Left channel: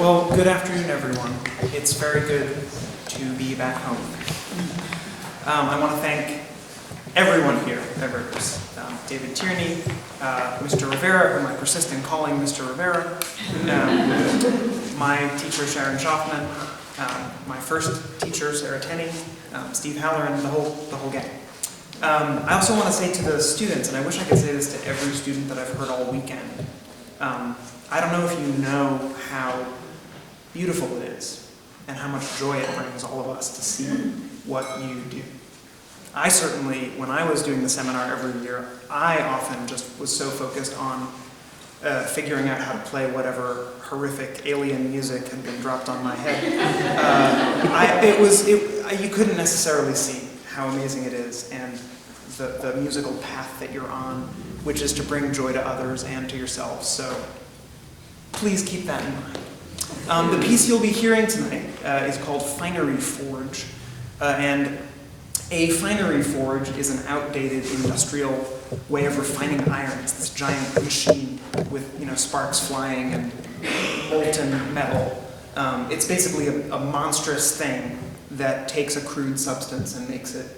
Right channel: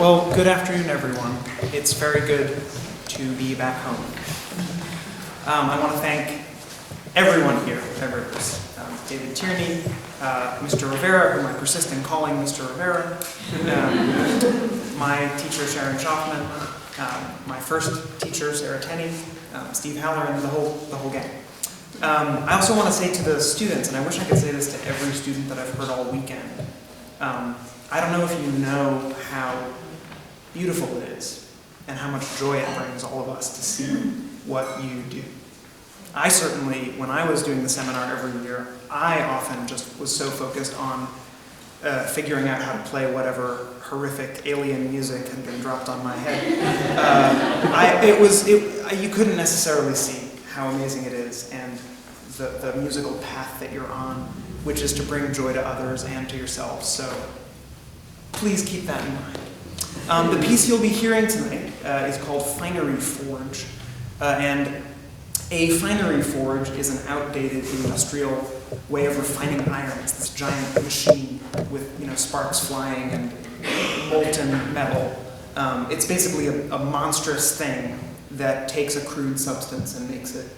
Well, good afternoon, everyone. It's very good to be back home. I want to thank everyone here at Rivers. David Tierney, Mr. Rivera, whom I persist in calling Mr. Rivera, my teacher Sharon Schaffman, my first teacher Sarah Tenney, Steve Haller, and the whole gang. I also want to say to the students, and I wish I could say this to every student that I've heard all weekend, I don't know if you know how beautiful it is and how much joy it brings all of us to see what you do. I certainly, when I was doing the seminar every year, I often just was so focused on figuring out how to play whatever horrific alien music had been dropped on my head. You couldn't necessarily see how amazing it is and the musical path that you're on, which is to bring joy to others and to yourselves. So please keep that in mind. The piece you'll be hearing tonight is called Finery Forge, and a finery forge is an outdated industrial way of refining iron. It's this giant machine with sparks flying and molten metal. It's basically a monstrous thing that takes a crude substance and makes it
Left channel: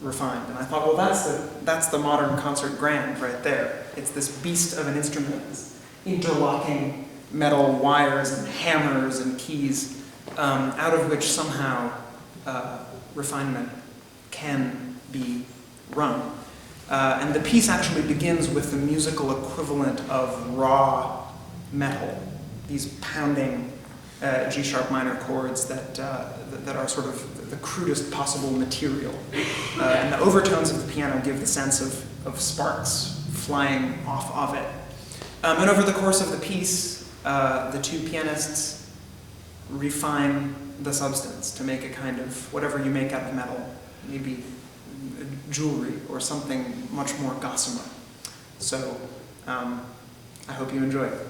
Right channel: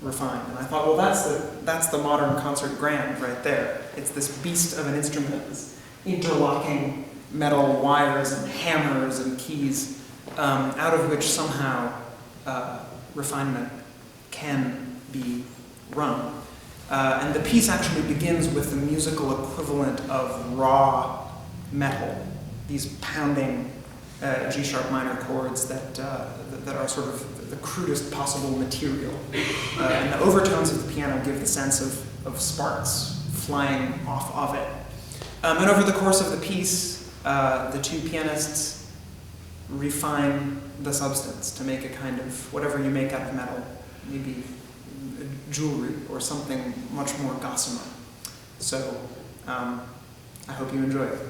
refined. And I thought, well, that's the modern concert grand right there. It's this beast of an instrument, this interlocking metal wires and hammers and keys, out of which somehow refinement can be run. And the piece actually begins with the musical equivalent of raw metal, these pounding G-sharp minor chords that are sort of the crudest possible material. And the overtones of the piano give the sense of sparks flying off of it. And over the course of the piece, the two pianists refine the substance to make a kind of whatever you make out of metal, maybe jewelry or something much more gossamer. So I hope you enjoy it.